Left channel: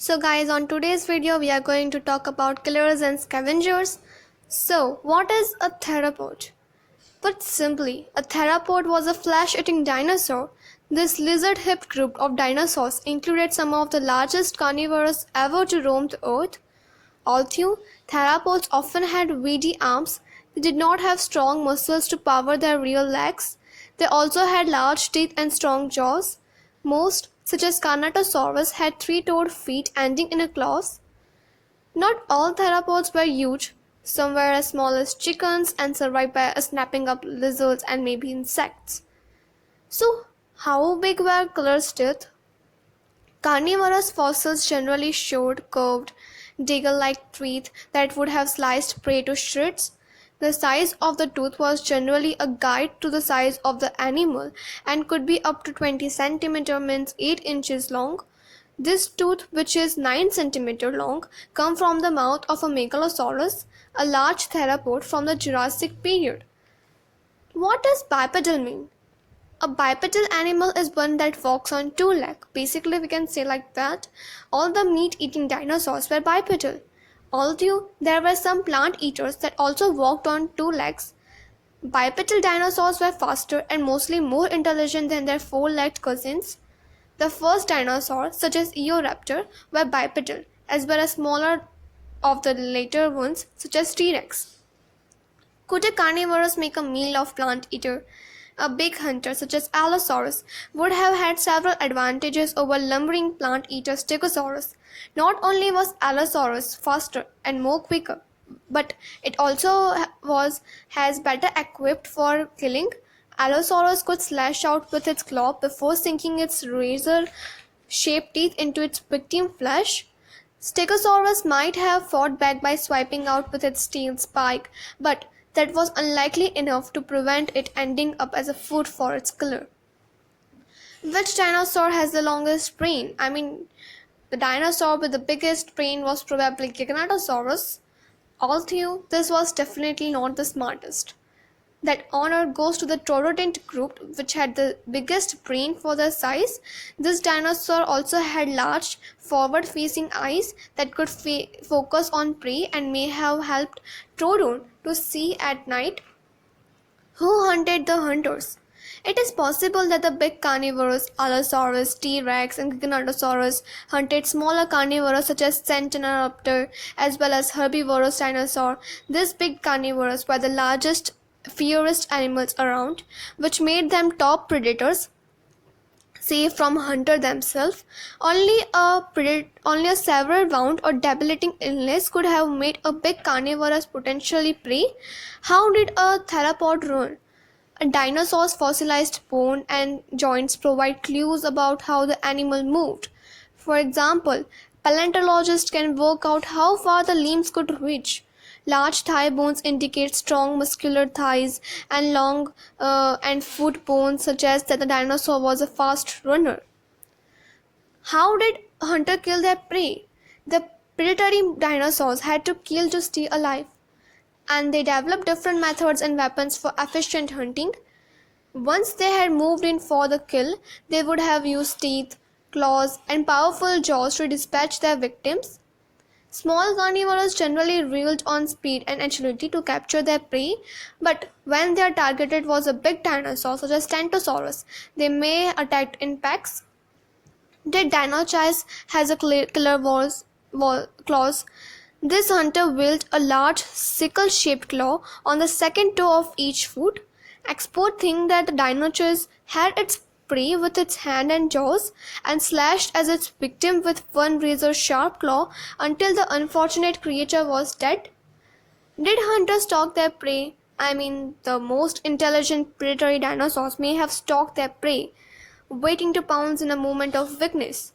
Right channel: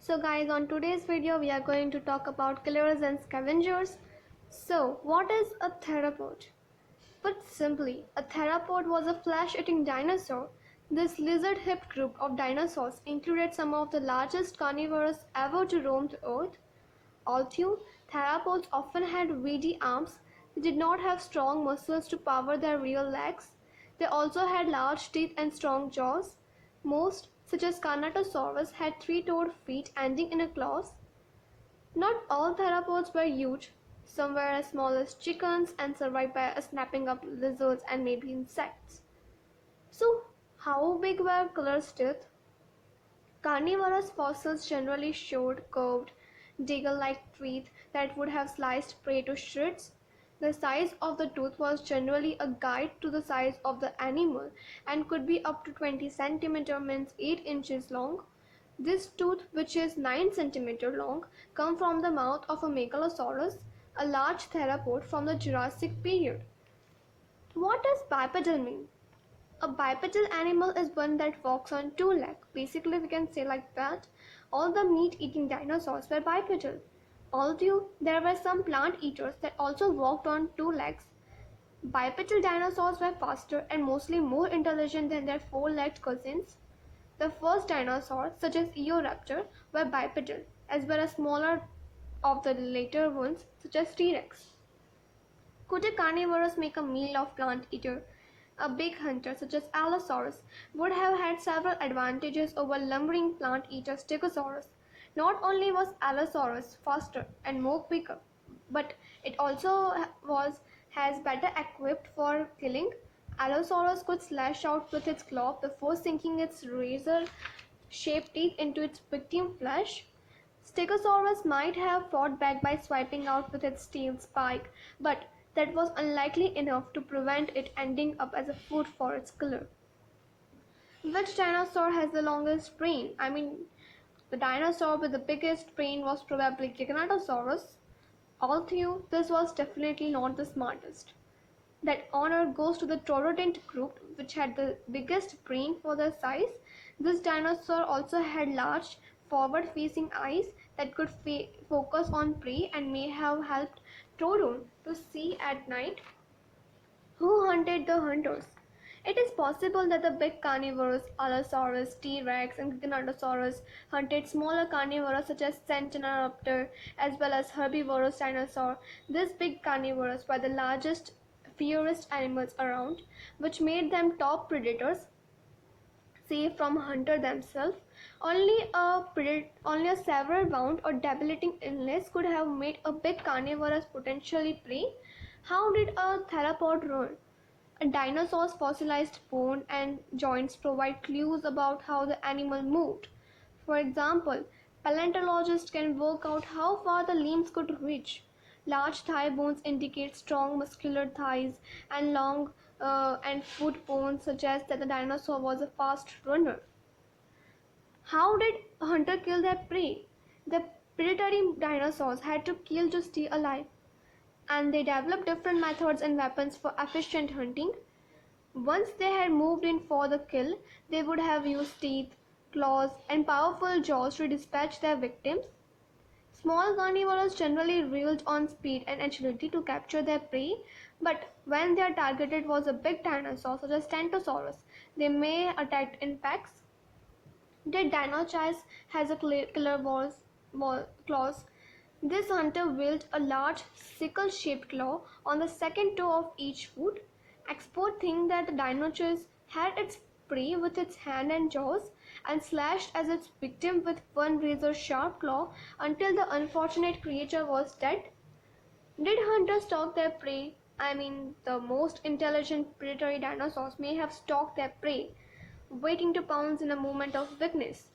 So guys, on today's video we are going to talk about killers and scavengers. So what is a theropod? Put simply, a theropod was a flesh-eating dinosaur. This lizard-hipped group of dinosaurs included some of the largest carnivores ever to roam the earth. Although theropods often had weedy arms, they did not have strong muscles to power their real legs. They also had large teeth and strong jaws. Most, such as Carnotaurus, had three-toed feet ending in claws. Not all theropods were huge. Some were as small as chickens and survived by snapping up lizards and maybe insects. So, how big were killers' teeth? Carnivorous fossils generally showed curved, dagger-like teeth that would have sliced prey to shreds. The size of the tooth was generally a guide to the size of the animal and could be up to 20 centimeter means 8 inches long. This tooth, which is 9 centimeter long, come from the mouth of a Megalosaurus, a large theropod from the Jurassic period. What does bipedal mean? A bipedal animal is one that walks on two legs. Basically, we can say like that. All the meat-eating dinosaurs were bipedal. Although there were some plant eaters that also walked on two legs, bipedal dinosaurs were faster and mostly more intelligent than their four-legged cousins. The first dinosaurs, such as Eoraptor, were bipedal, as well as smaller of the later ones, such as T-Rex. Could a carnivorous make a meal of plant eater? A big hunter such as Allosaurus would have had several advantages over lumbering plant eater Stegosaurus. Not only was Allosaurus faster and more quicker, but it also has better equipped for killing. Allosaurus could slash out with its claw before sinking its razor-shaped teeth into its victim flesh. Stegosaurus might have fought back by swiping out with its steel spike, but that was unlikely enough to prevent it ending up as a food for its killer. Which dinosaur has the longest brain? The dinosaur with the biggest brain was probably Giganotosaurus, although this was definitely not the smartest. That honor goes to the Taurodont group, which had the biggest brain for their size. This dinosaur also had large, forward-facing eyes that could focus on prey and may have helped Taurodont to see at night. Who hunted the hunters? It is possible that the big carnivores, Allosaurus, T-Rex, and Giganotosaurus, hunted smaller carnivores such as Centenaropter, as well as herbivorous dinosaur. These big carnivores were the largest, fiercest animals around, which made them top predators, safe from hunter themselves. Only a severe wound or debilitating illness could have made a big carnivorous potentially prey. How did a theropod run? A dinosaur's fossilized bone and joints provide clues about how the animal moved. For example, paleontologists can work out how far the limbs could reach. Large thigh bones indicate strong muscular thighs, and long and foot bones suggest that the dinosaur was a fast runner. How did a hunter kill their prey? The predatory dinosaurs had to kill to stay alive, and they developed different methods and weapons for efficient hunting. Once they had moved in for the kill, they would have used teeth, claws, and powerful jaws to dispatch their victims. Small carnivores generally relied on speed and agility to capture their prey, but when their target was a big dinosaur such as Stentosaurus, they may attack in packs. Did Dinochais has a killer claws? This hunter wielded a large sickle-shaped claw on the second toe of each foot. Experts think that the Dinochais had its prey with its hand and jaws and slashed as its victim with one razor-sharp claw until the unfortunate creature was dead. Did hunters stalk their prey? The most intelligent predatory dinosaurs may have stalked their prey, waiting to pounce in a moment of weakness.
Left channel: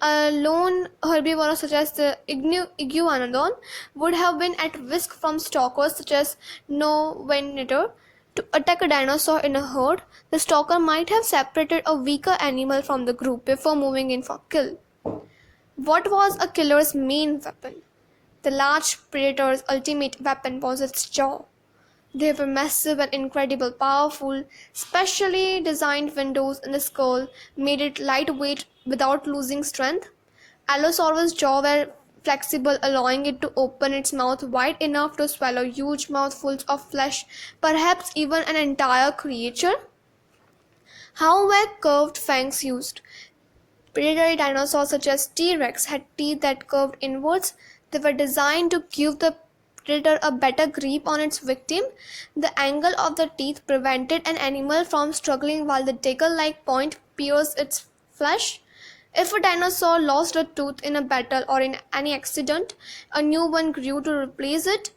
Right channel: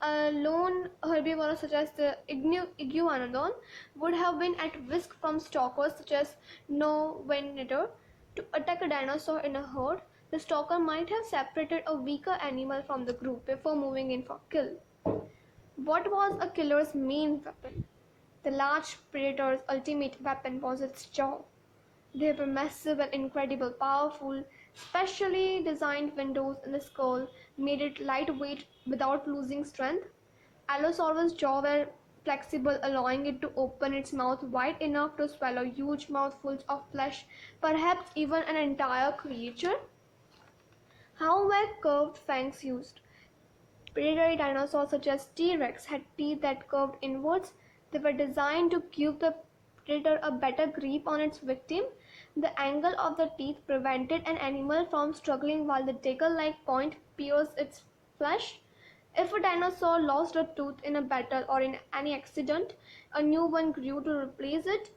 A lone herbivore such as the iguanodon would have been at risk from stalkers such as Novenator. To attack a dinosaur in a herd, the stalker might have separated a weaker animal from the group before moving in for kill. What was a killer's main weapon? The large predator's ultimate weapon was its jaw. They were massive and incredibly powerful. Specially designed windows in the skull made it lightweight without losing strength. Allosaurus' jaw were flexible, allowing it to open its mouth wide enough to swallow huge mouthfuls of flesh, perhaps even an entire creature. How were curved fangs used? Predatory dinosaurs such as T-Rex had teeth that curved inwards. They were designed to give the predator a better grip on its victim. The angle of the teeth prevented an animal from struggling while the dagger-like point pierced its flesh. If a dinosaur lost a tooth in a battle or in any accident, a new one grew to replace it.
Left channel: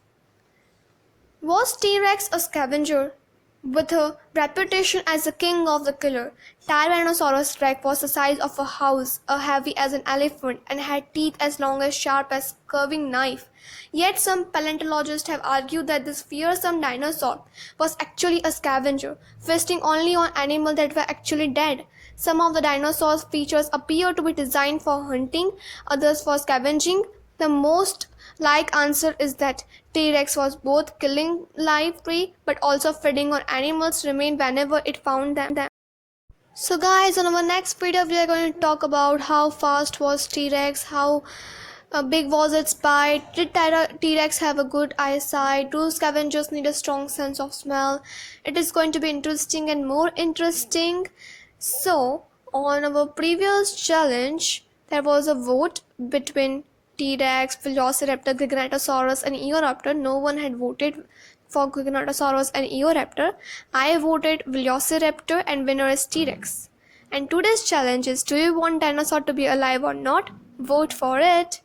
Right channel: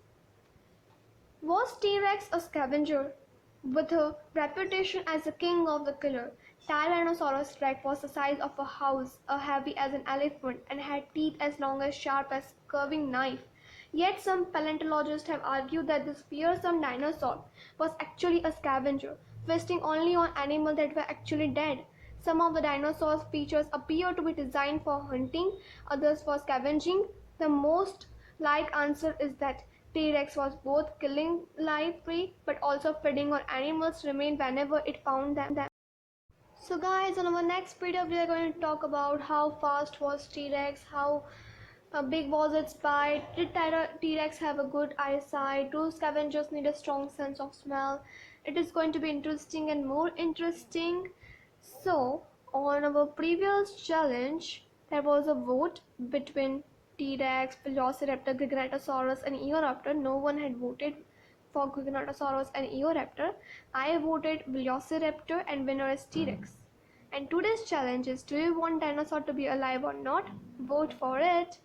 Was T-Rex a scavenger? With a reputation as the king of the killer, Tyrannosaurus rex was the size of a house, heavy as an elephant, and had teeth as long as sharp as a curving knife. Yet some paleontologists have argued that this fearsome dinosaur was actually a scavenger, feasting only on animals that were actually dead. Some of the dinosaurs' features appear to be designed for hunting, others for scavenging. The most like answer is that T-Rex was both killing live prey but also feeding on animals' remain whenever it found them. So guys, on our next video we are going to talk about how fast was T-Rex, how big was its bite, did T-Rex have a good eyesight, do scavengers need a strong sense of smell. It is going to be interesting and more interesting. So on our previous challenge there was a vote between T-Rex, Velociraptor, Giganotosaurus and Eoraptor. No one had voted for Giganotosaurus and Eoraptor. I voted Velociraptor and winner is T-Rex. And today's challenge is, do you want dinosaur to be alive or not? Vote for it.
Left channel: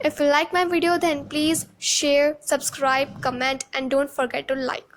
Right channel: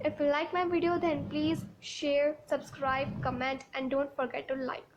If you like my video then please share, subscribe, comment and don't forget to like.